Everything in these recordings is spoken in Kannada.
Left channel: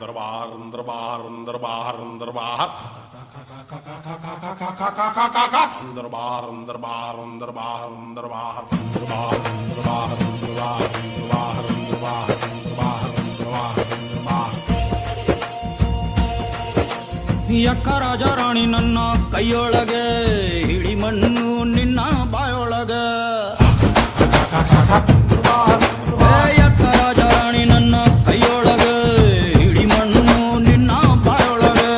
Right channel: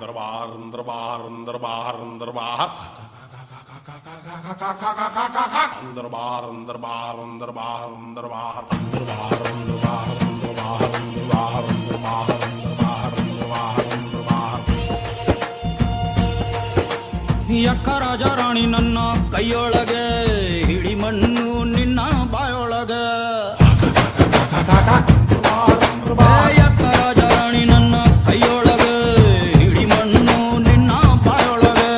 दरबार दरबार दरबार दरबार दरबार दरबार दरबार दरबार ಯಕ್ಕ ರಾಜ ರಾಣಿ ನನ್ನ ಕೈಯೊಳಗೆ ಹಿಡಿ ಮಣ್ಣು ನಿನ್ನ ಬಾಯೊಳಗೆ ಯಕ್ಕ ರಾಜ ರಾಣಿ ನನ್ನ ಕೈಯೊಳಗೆ ಹಿಡಿ ಮಣ್ಣು ನಿನ್ನ ಬಾಯೊಳಗೆ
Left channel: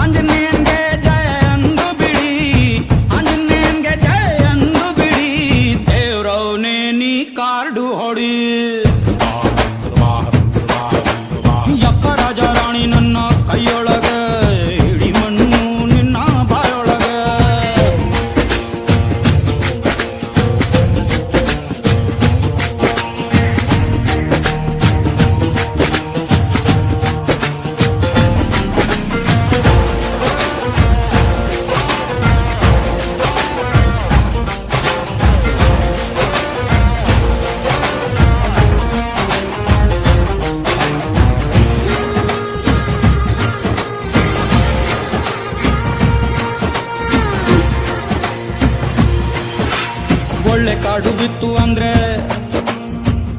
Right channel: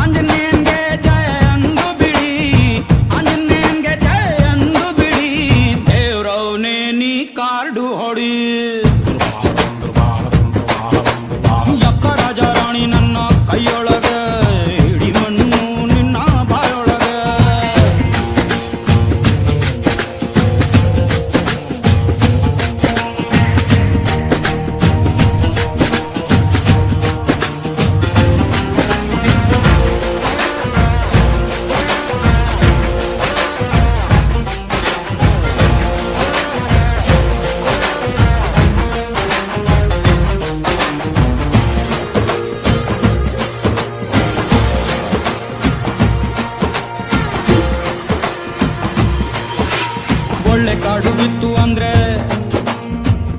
ಆಂಜನೇಯನ್ಗೆ ಜಯ ಅಂದು ಬಿಡಿ ಆಂಜನೇಯನ್ಗೆ ಜಯ ಅಂದು ಬಿಡಿ ದೇವ್ರವ್ನೇ ನೀ ಕಾರ್ಡು ಹೊಡಿ ಯಕ್ಕ ರಾಜ ರಾಣಿ ನನ್ನ ಕೈಯೊಳಗ ಹಿಡಿ ಮಣ್ಣು ನಿನ್ನ ಬಾಯೊಳಗ ಒಳ್ಳೆ ಕಾಡು ಬಿತ್ತು ಅಂದ್ರೆ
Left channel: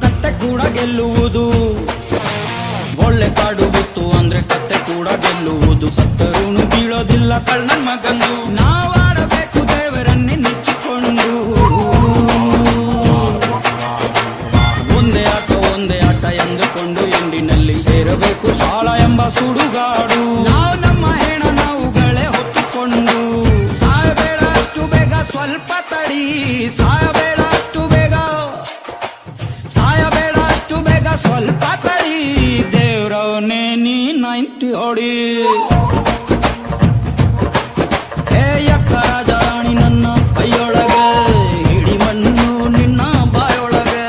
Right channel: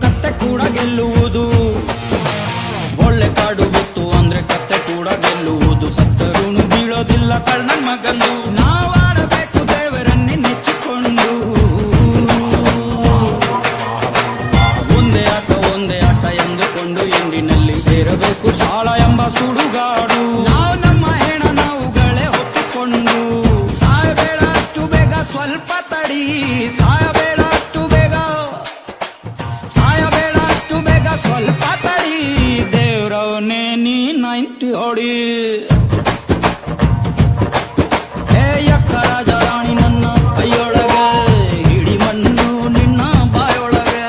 ಕತ್ತೆ ಕೂಡ ಗೆಲ್ಲುವುದು ಒಳ್ಳೆ ಕಾಡು ಬಿತ್ತು ಅಂದ್ರೆ ಕತ್ತೆ ಕೂಡ ಗೆಲ್ಲುವುದು ಸತ್ತರುಣು ಬೀಳೋದಿಲ್ಲ ಕಳ್ಳನ್ ಮಗಂದು ನಾವಾಡಬೇಕು ದೇವರನ್ನೇ ನೆಚ್ಚಿಕೊಂಡು ಒಂದೇ ಆಟ ಎಂದುಕೊಂಡು ಎಂಡಿನಲ್ಲಿ ಸೇರಬೇಕು ಸಾಳ ಎಂಬ ಸುಡುಗಾಡು ನಾವು ನಮ್ಮ ಹೆಣ ನಾವುಗಳೇ ಹೊತ್ತುಕೊಂಡು ಸಾಯಬೇಡ ಅಷ್ಟು ಬೇಗ ಸ್ವಲ್ಪ ತಡಿ ಸಾಯಬೇಡ ಅಷ್ಟು ಬೇಗ ಸ್ವಲ್ಪ ತಡಿ ದೇವ್ರವನೇ ನೀ 90 ಹೊಡಿ ಏ ಯಕ್ಕ ರಾಜ ರಾಣಿ ನನ್ನ ಕೈಯೊಳಗೆ ಹಿಡಿ ಮಣ್ಣು ನಿನ್ನ ಬಾಯೊಳಗೆ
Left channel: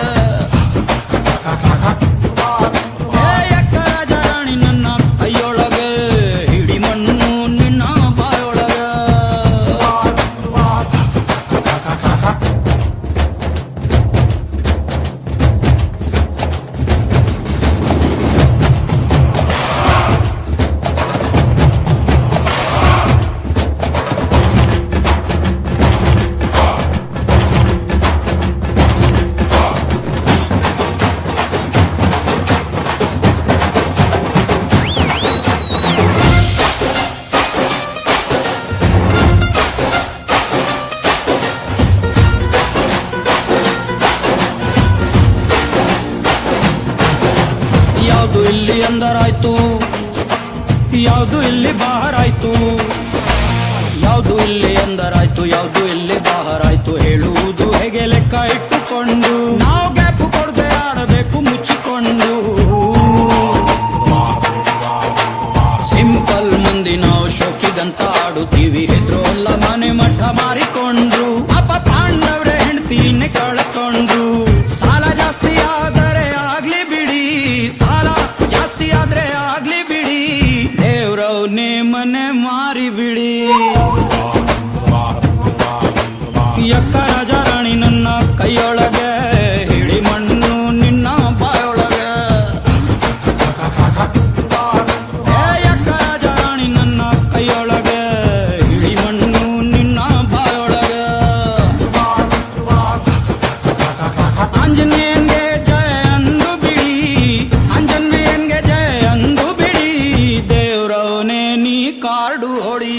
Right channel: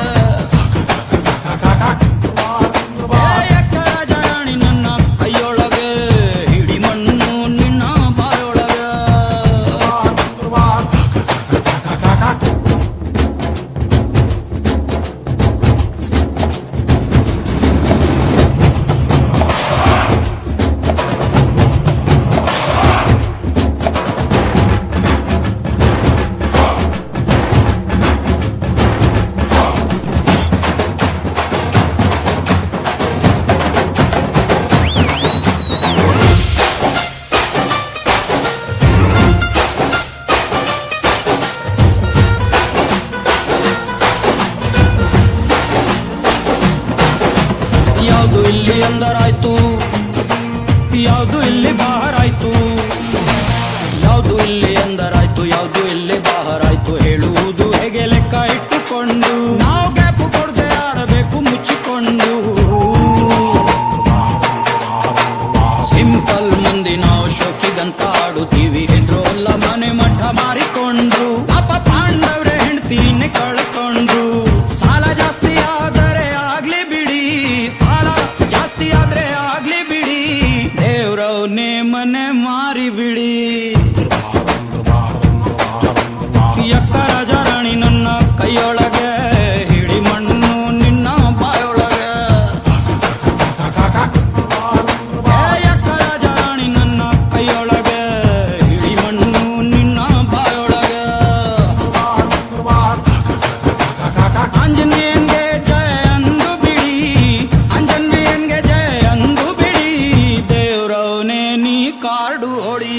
ಏ ಯಕ್ಕ ರಾಜ ರಾಣಿ ನನ್ನ ಕೈಯೊಳಗೆ ಹಿಡಿ ಮಣ್ಣು ನಿನ್ನ ಬಾಯೊಳಗೆ ಯಾವುದು ಇಲ್ಲಿ ಅಂದರಾಯ್ತು ಯಾವುದು ಇಲ್ಲಿ ಬಾಹರಾಯ್ತು ಯಾವುದು ಇಲ್ಲಿ ಅಂದರಾಯ್ತು ಯಾವುದು ಇಲ್ಲಿ ಬಾಹರಾಯ್ತು ಹೇಳುವುದು ಹೇಗೆ ಲೆಕ್ಕ ಇಟ್ಟುಕೊಂಡು ನಾವು ಗ್ಯಾಪು ಕೊಡದೆ ಆಡಬೇಕು ಮುಚ್ಚಿಕೊಂಡು ಸಿಂಪಲ್ ಮಂದಿ ನಾವು ಶೋಕಿಗಂತ ಆಡುತ್ತೀವಿ ಹೆದ್ರೋಲ್ಲ ಮನೆ ಮಠ ಮಾರಿಕೊಂಡ್ರು ಪಾಪ ಪಾಂಡವ್ರೆ ಹೆಂಡ್ತೀನೆ ಕಳ್ಕೊಂಡ್ರು ಸಾಲ ಜಾಸ್ತಿ ಆದರೆ ಆಗ್ಲಿ ಬಿಡಿ ಸಾಲ ಜಾಸ್ತಿ ಆದ್ರೆ ಆಗ್ಲಿ ಬಿಡಿ ದೇವ್ರವ್ನೇ ಮನೆ ಮಾರಿ ಬಿಡಿ ಯಕ್ಕ ರಾಜ ರಾಣಿ ನನ್ನ ಕೈಯೊಳಗೆ ಹಿಡಿ ಮಣ್ಣು ನಿನ್ನ ಬಾಯೊಳಗೆ ಏ ಯಕ್ಕ ರಾಜ ರಾಣಿ ನನ್ನ ಕೈಯೊಳಗೆ ಹಿಡಿ ಮಣ್ಣು ನಿನ್ನ ಬಾಯೊಳಗೆ ಆಂಜನೇಯನ್ಗೆ ಜಯ ಅಂದು ಬಿಡಿ ಆಂಜನೇಯನ್ಗೆ ಜಯ ಅಂದು ಬಿಡಿ ದೇವ್ರವನೇ ನೀ ಕಾರ್ಡು ಹೊಡಿ